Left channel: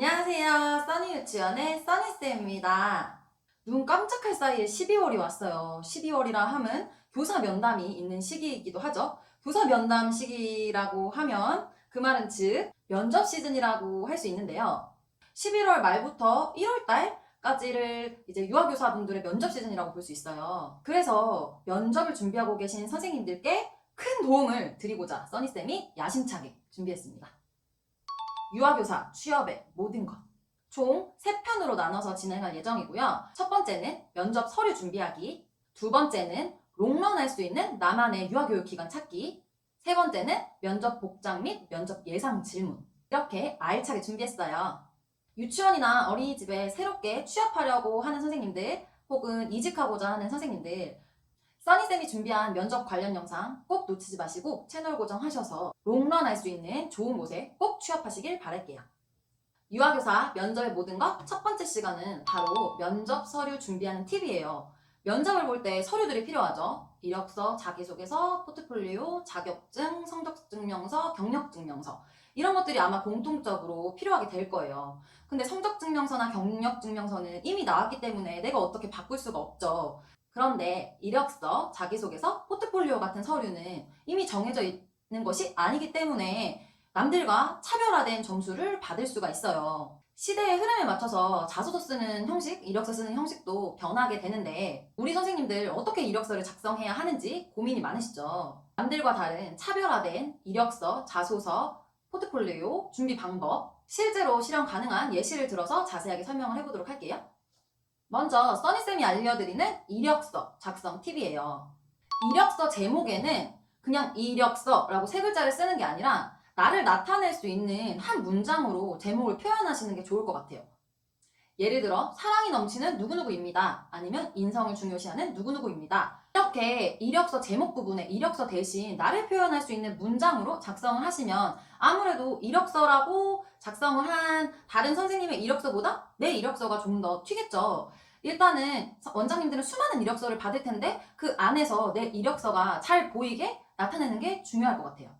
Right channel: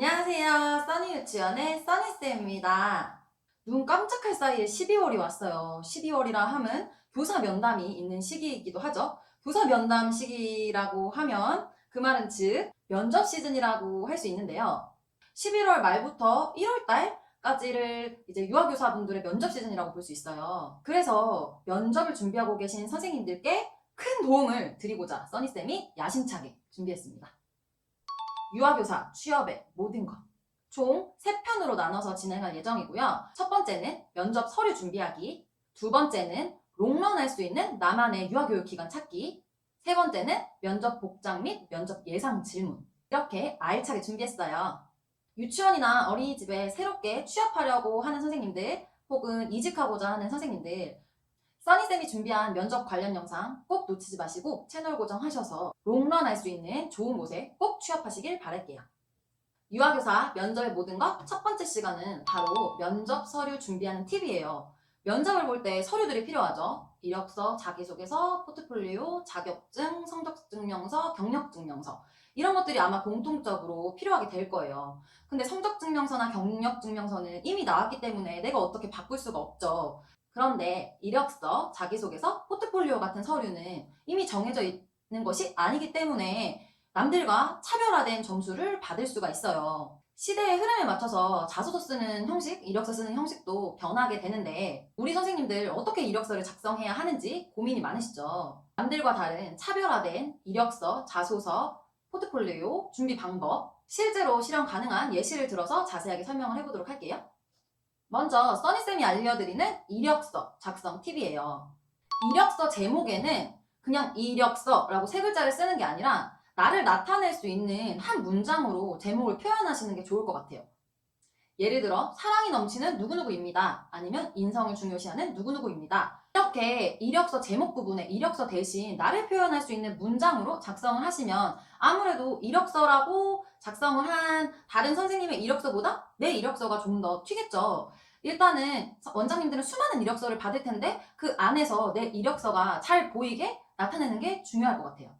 안녕하세요. 써니 유치원의 써니쌤입니다. 눈 깜짝할 사이에 12월이 왔어요. 12월이라 하면 교사 면담이 있는 시기이기도 하죠. 교사 면담 시기라고 하면 그 말은 즉 면접 시즌이라고 할 수 있는데요. 11월 말부터 1월 달까지를 이제 유아교사분들의 면접 시즌이라고 볼 수 있어요. 그래서 면접을 준비하고 계신 선생님들께 큰 도움을 드리고자 써니쌤이 야심차게 준비했습니다. 유아교사 취업의 모든 것. 총 3편으로 나눠서 진행할 예정이고요. 첫 번째는 면접 서류 준비하기, 두 번째는 롱런할 수 있는 나만의 유아교육 기관 찾기, 세 번째는 면접 복장 및 면접 예상 질문. 이렇게 알차게 준비했어요. 유치원이나 어린이집에 새롭게 취업하려고 하는 선생님들 혹은 이직하고자 하는 선생님들, 써니쌤이 준비한 면접 관련 영상 꼭 놓치지 마시고 채널 고정하셔서 롱런할 수 있는 좋은 곳에 꼭 취업하시길 바랄게요. 유아교사 면접의 모든 것 첫 번째 시간은 바로 면접 서류 준비하는 팁이에요. 면접을 볼 때 서류들이 필요하죠. 이력서, 자기소개서, 포트폴리오, 자격증, 성적증명서, 경력증명서 이런 것들이 아마 공통적으로 필요하게 될 거예요. 근데 성적증명서나 경력증명서는 이미 나왔기 때문에 내가 어떻게 바꿀 수가 없죠. 그런데 이력서, 자기소개서, 포트폴리오 같은 서류는 이미 정해져 있는 것이 아니기 때문에 남들과 차별화된 점수를 받을 수가 있어요. 시대의 흐름에 맞춰서 자소서 쓰는 형식, 이력서 쓰는 형식도 변하게 되는데 우리 선생님들 어떻게 이력서를 작성해야 하는지 고민이 많으시죠? 남들과 다른 차별화된 이력서, 자소서, 포트폴리오, 준비 방법, 실제로 실현 가능한 예시를 들어서 자세하게 설명을 해보도록 할게요. 먼저 써니쌤이 알려드리는 이력서 작성 팁이에요. 이력서 제목에는 그냥 이력서라고 세 글자를 쓰는 게 아니라 나를 나타낼 수 있는 한 문장으로 제목을 표현하시는 게 좋을 것 같아요. 예를 들어 사랑이 넘치는 누구누구입니다. 아니면 인성을 중요시하는 누구누구입니다. 이렇게 이력서 제목 부분에 이력서 대신 나를 표현할 수 있는 문장으로 작성을 하시면 아무래도 이력서라고 작성을 한 다른 선생님의 이력서보다 내 이력서가 좀 더 튀겠죠. 일단은 원장님들은 수많은 이력서를 받을 텐데 그 안에서 내 이력서가 잘 보이게 나타내는 게 중요할 것 같아요.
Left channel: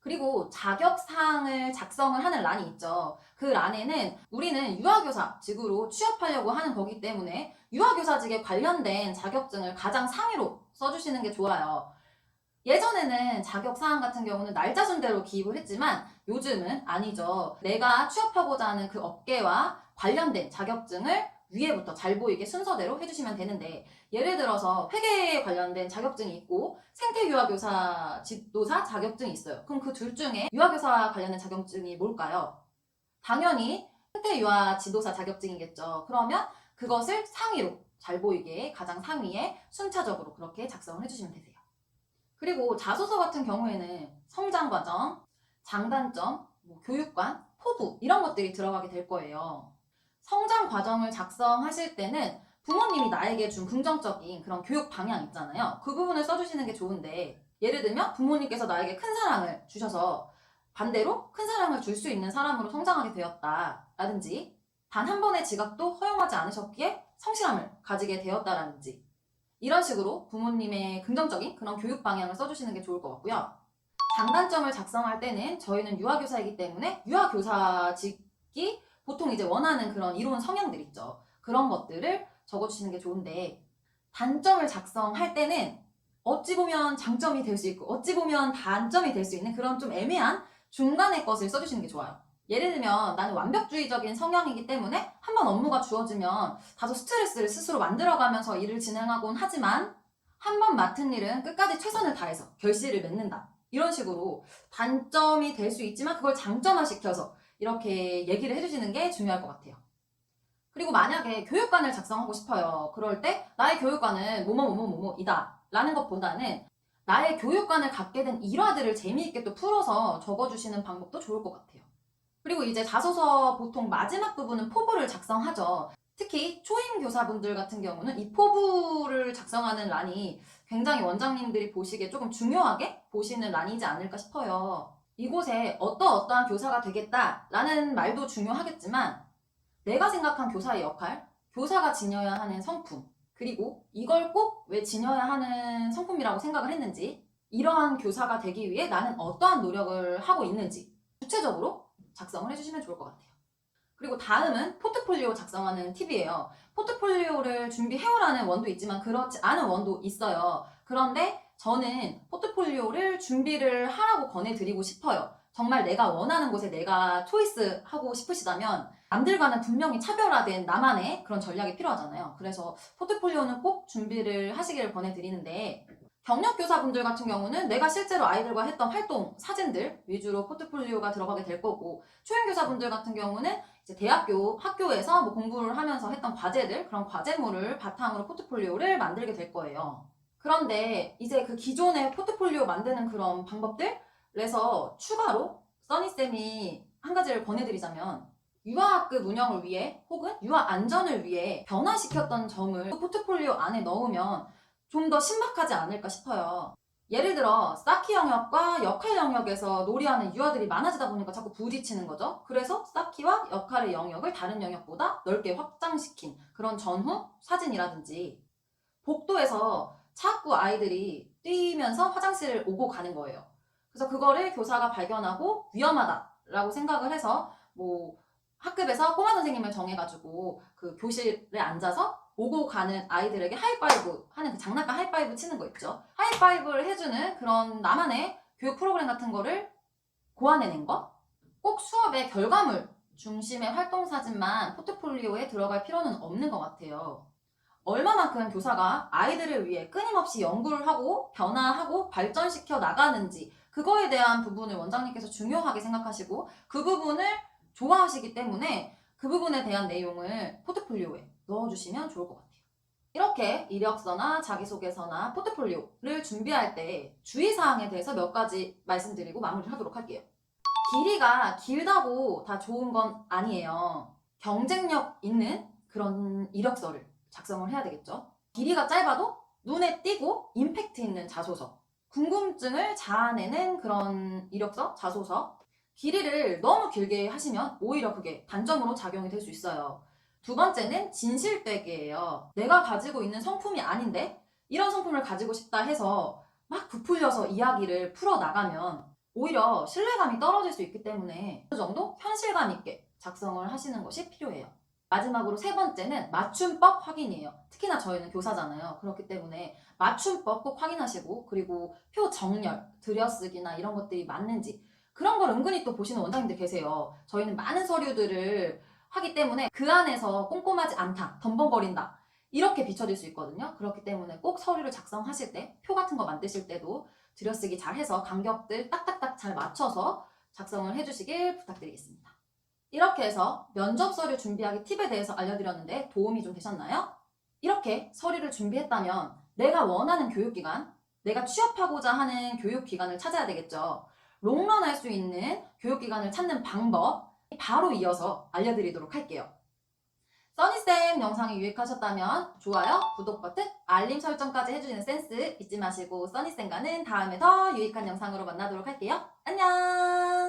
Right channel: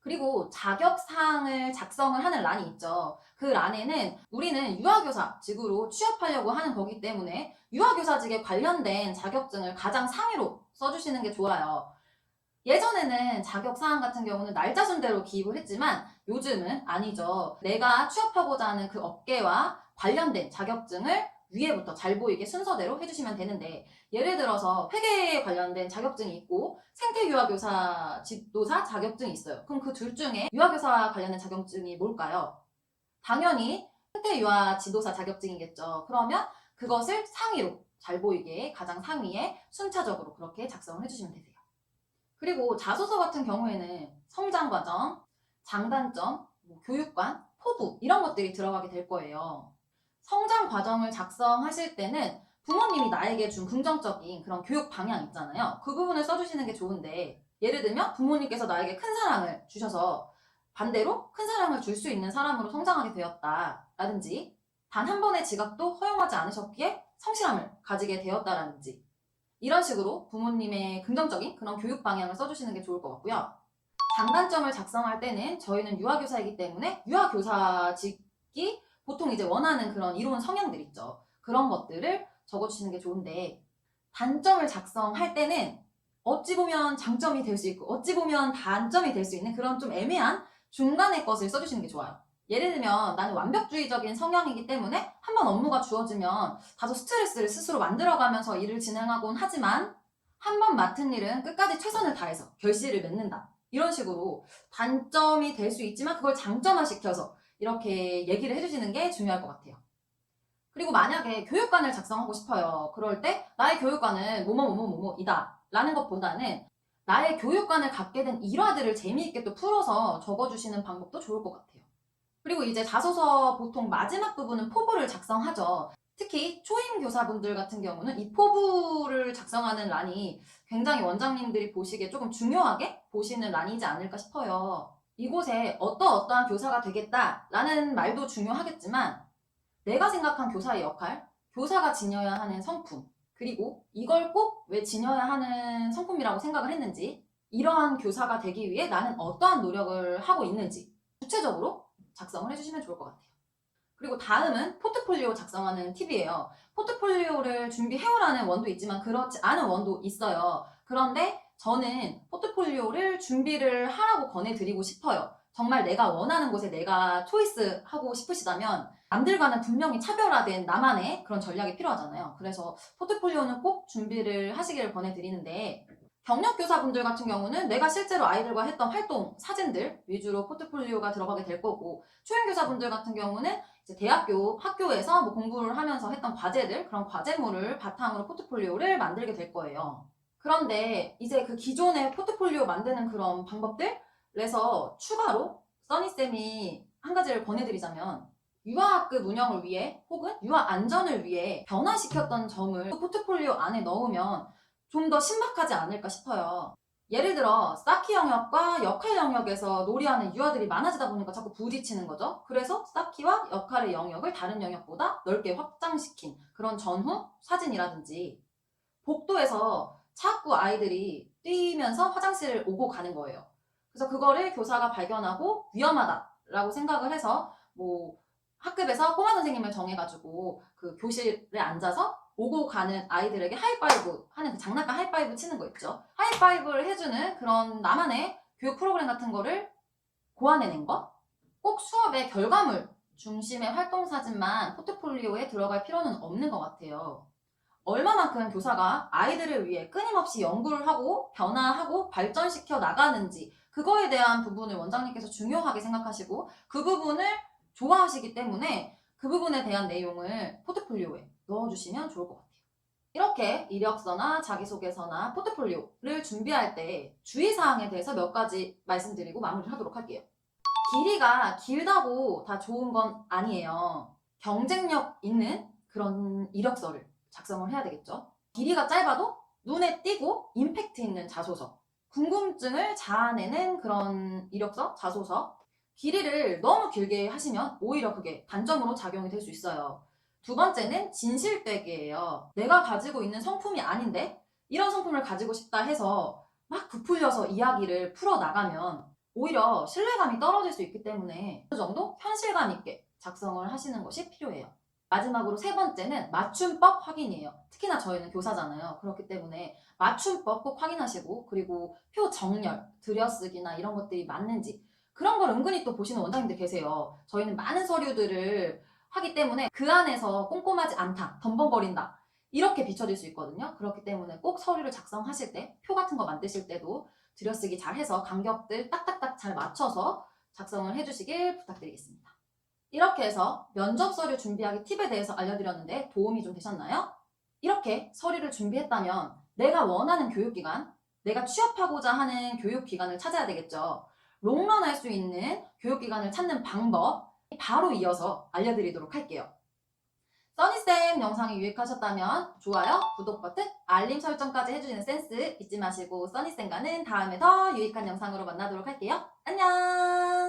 그리고 자격사항을 작성을 하는 란이 있죠. 그 란에는 우리는 유아교사직으로 취업하려고 하는 거기 때문에 유아교사직에 관련된 자격증을 가장 상위로 써주시는 게 좋아요. 예전에는 자격사항 같은 경우는 날짜 순대로 기입을 했지만 요즘은 아니죠. 내가 취업하고자 하는 그 업계와 관련된 자격증을 위에부터 잘 보이게 순서대로 해주시면 되는데 예를 들어서 회계에 관련된 자격증이 있고 생태유아교사 지도사 자격증이 있어요. 그럼 그 둘 중에 유아교사 관련된 자격증이 뭘까요? 당연히 생태유아 지도사 자격증이겠죠. 그러면 그것을 상위로 잘 보이게 가장 상위에 순차적으로 그렇게 작성을 해주시면 되세요. 그리고 자소서 같은 경우에는 성장 과정, 장단점, 교육관, 포부 이런 것들이 들어가게 될 거예요. 성장 과정을 작성하실 때는 부모님이 나에게 준 긍정적인 그런 교육 방향 있잖아요. 그 부분을 써주시는 게 좋은데 예를 들면 부모님께서 나에게 큰 사랑을 주셔서 반대로 큰 사랑을 줄 수 있는 사람으로 성장하게 되었다라든지 단 한 번의 직업도 허용하지 않으셨기에 성실함을 가지게 되었다라든지 이런 식으로 부모님의 긍정적인 그런 교육 방향을 써주시는 게 좋을 것 같고요. 장단점을 작성할 때는 저희는 유아교사이기 때문에 유아교사직이 보통 이제 원하는 그런 이론 성향들 있죠. 그런 것들을 적어주시는 게 좋은데 단점을 작성할 때는 어찌 보면 장점이 될 수 있고 어찌 보면 단점이 될 수 있는 그런 좀 애매한 중간의 것을 써주시는 게 좋아요. 예를 들면 나는 완벽주의적인 성향이기 때문에 한 번 업무가 주어지면 다소 스트레스를 스스로 만들어가면서 일을 진행하곤 하지만 한 번 맡은 일은 끝까지 최선을 다해서 결실을 맺는다. 이런 식으로 단점이 될 수 있지만 그걸 장점화시켜서 이렇게 얘기를 해주시는 게 중요할 것 같아요. 그리고 만약에 교육관을 작성하고 싶어요. 그럴 때 나의 교육관은 뭐뭐뭐뭐뭐이다 라는 것보다는 나의 교육관을 갖게 된 일화들을 재미있게 또 풀어서 적어주시는 방법도 좋을 것 같아요. 그리고 이제 자소서 보통 마지막 부분은 포부를 작성하죠. 특히 초임 교사분들 같은 경우는 이 포부를 작성하는 란이 굉장히 원장님들이 보시기에 조금 중요하게 보시는 란이지 않을까 싶어요. 이곳에 어떠한 교사가 되겠다라는 말도 중요하겠지만 내가 생각한 교사의 역할, 교사가 지녀야 하는 성품, 그리고 이걸 꼭 왜 지녀야 하는 성품이라고 생각을 했는지, 이러한 교사가 되기 위해 나는 어떠한 노력을 하고 있는지 구체적으로 작성을 해주시면 좋을 것 같아요. 그리고 다음은 포트폴리오 작성하는 팁이에요. 포트폴리오를 준비해오라는 원도 있지만 그렇지 않은 원도 있어요. 그런데 저는 포트폴리오를 준비를 하라고 권해드리고 싶어요. 정말 내가 원하는 곳에 내가 초이스하고 싶으시다면 남들과는 분명히 차별화된 나만의 그런 전략이 필요하잖아요. 그래서 포트폴리오는 꼭 준비를 하시기를 권해드리는데 경력교사분들 같은 경우는 내가 실제로 아이들과 했던 활동, 사진들 위주로 포트폴리오가 들어가게 될 거고 초연교사분들 같은 경우는 이제 대학교, 학교에서 뭐 공부를 하면서 했던 과제들, 그런 과제물을 바탕으로 포트폴리오를 만들게 될 거예요. 그런데 이제 그 기존의 포트폴리오 만드는 그런 방법들에서 추가로 써니쌤이 한 가지를 권해드리자면 유아학급 운영을 위해 혹은 유아 안전을 위해 변화시켰던 점을 포트폴리오 안에 넣으면 좀 더 신박하지 않을까 싶어요. 예를 들어 쌓기 영역과 역할 영역에서 놀이하는 유아들이 많아지다 보니까 자꾸 부딪히는 거죠. 그래서 쌓기와 역할의 영역을 다른 영역보다 넓게 확장시킨 그런 전후 사진이라든지 복도에서 자꾸 아이들이 뛰면서 화장실을 오고 가는 거예요. 그래서 그거를 교사가 발견하고 위험하다라고 생각을 해서 뭐 학급에서 꼬마 선생님을 정해가지고 그 교실에 앉아서 오고 가는 아이들에게 하이파이브 하는 장난감 하이파이브 치는 거 있죠. 하이파이브를 해주는 그런 나만의 교육 프로그램 같은 거를 고안해낸 거. 꼭 수업의 결과물 중심의 활동 사진만 포트폴리오에 들어갈 필요는 없는 것 같아요. 얼마만큼 교사가 아이들을 위해 끊임없이 연구를 하고 변화하고 발전시켜 나가는지 그거에 대한 부분을 원장님께서 중요하게 생각하시고 그 부분을 좋아하시기 때문에 그 부분에 대한 내용을 포트폴리오에 넣어주시면 좋을 것 같아요. 이렇게 이력서나 자기소개서나 포트폴리오를 준비할 때 주의사항에 대해서 몇 가지 말씀드리고 마무리를 하도록 할게요. 길이가 길다고 다 좋은 건 아니에요. 경쟁력 있는 그런 이력서를 작성을 해야 되겠죠. 길이가 짧아도 눈에 띄고 임팩트 있는 자소서, 궁금증을 자아내는 그런 이력서, 자소서. 길이를 너무 길게 하시면 오히려 그게 단점으로 작용이 될 수 있어요. 두 번째는 진실 빼기예요. 내가 가지고 있는 성품이 아닌데 이런 성품을 가지고 싶다 해서 막 부풀려서 이야기를 풀어나가면 오히려 신뢰감이 떨어질 수 있기 때문에 어느 정도 현실감 있게 작성을 하시는 것이 필요해요. 마지막으로 세 번째는 맞춤법 확인이에요. 특히나 저희는 교사잖아요. 그렇기 때문에 맞춤법 꼭 확인하시고 그리고 표 정렬, 들여쓰기나 이런 것들이 맞는지 그런 걸 은근히 또 보시는 원장님들 계세요. 저희는 많은 서류들을 하기 때문에 그 안에서 꼼꼼하지 않다, 덤벙거린다 이렇게 비춰질 수 있거든요. 그렇기 때문에 꼭 서류를 작성하실 때 표 같은 거 만드실 때도 들여쓰기 잘 해서 간격들 딱딱딱 잘 맞춰서 작성을 해주시길 부탁드리겠습니다. 이렇게 해서 면접 서류 준비하기 팁에 대해서 알려드렸는데 도움이 좀 되셨나요? 이렇게 서류를 준비했다면 내가 원하는 교육기관, 내가 취업하고자 하는 교육기관을 찾아야 되겠죠. 롱런 할 수 있는 교육기관을 찾는 방법 바로 이어서 알려드리도록 할게요. 써니쌤 영상이 유익하셨다면 좋아요, 구독 버튼, 알림 설정까지 해주시는 센스 잊지 마시고 써니쌤과는 다음에 더 유익한 영상으로 만나도록 할게요. 안녕!